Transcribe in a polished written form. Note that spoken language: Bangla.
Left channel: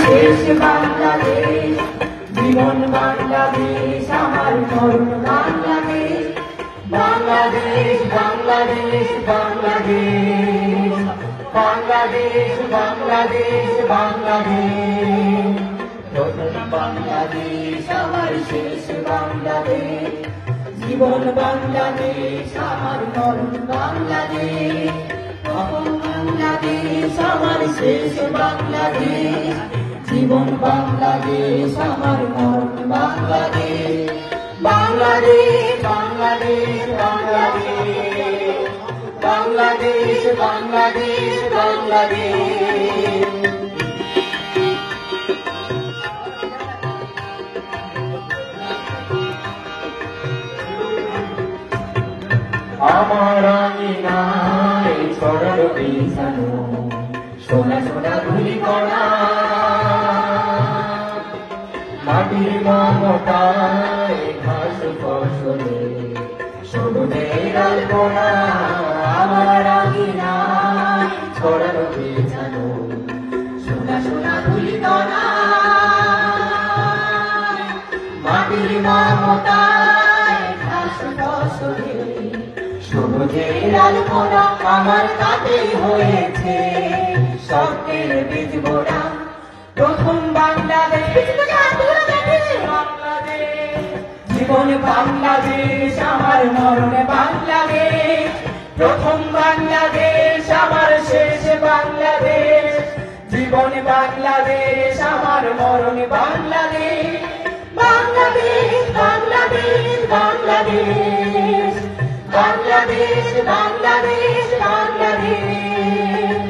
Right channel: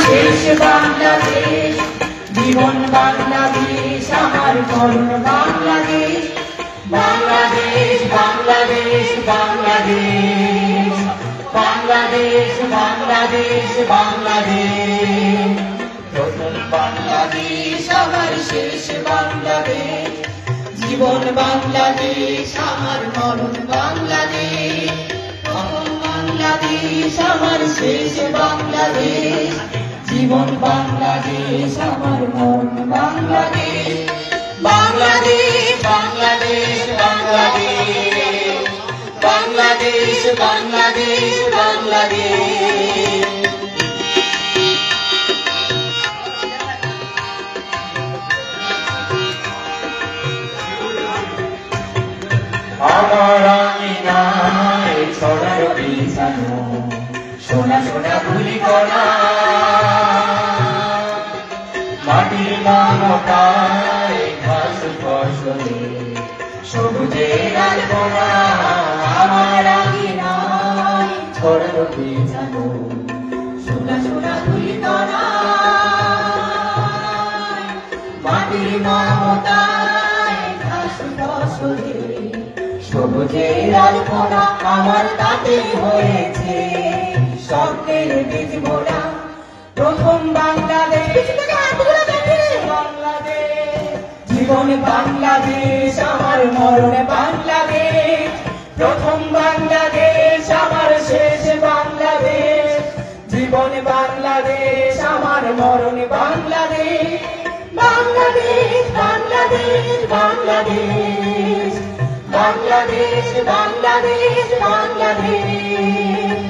শেষ বাংলাদেশ, জীবন বাংলাদেশ, আমার মরণ বাংলাদেশ। বাংলাদেশ বাংলাদেশ বাংলাদেশ, বাংলাদেশ বাংলাদেশ বাংলাদেশ। প্রথম বাংলাদেশ আমার শেষ বাংলাদেশ, জীবন বাংলাদেশ, আমার মরণ বাংলাদেশ। প্রথম বাংলাদেশ আমার শেষ বাংলাদেশ, জীবন বাংলাদেশ, আমার মরণ বাংলাদেশ। বাংলাদেশ বাংলাদেশ বাংলাদেশ, বাংলাদেশ বাংলাদেশ বাংলাদেশ। আমার আঙিনায় ছড়ানো বিছানো সোনা সোনা ধুলি কণা, মাটির মমতায় ঘাস ফসলে সবুজের আলপনা। আমার আঙিনায় ছড়ানো বিছানো সোনা সোনা ধুলি কণা, মাটির মমতায় ঘাস ফসলে সবুজের আলপনা। আমার তাতে হয়েছে স্বপ্নের বীজ মোড়া। প্রথম বাংলাদেশ, জীবন বাংলাদেশ, আমার মরণ বাংলাদেশ। প্রথম বাংলাদেশ আমার শেষ বাংলাদেশ, জীবন বাংলাদেশ, আমার মরণ বাংলাদেশ। বাংলাদেশ বাংলাদেশ বাংলাদেশ, বাংলাদেশ বাংলাদেশ বাংলাদেশ।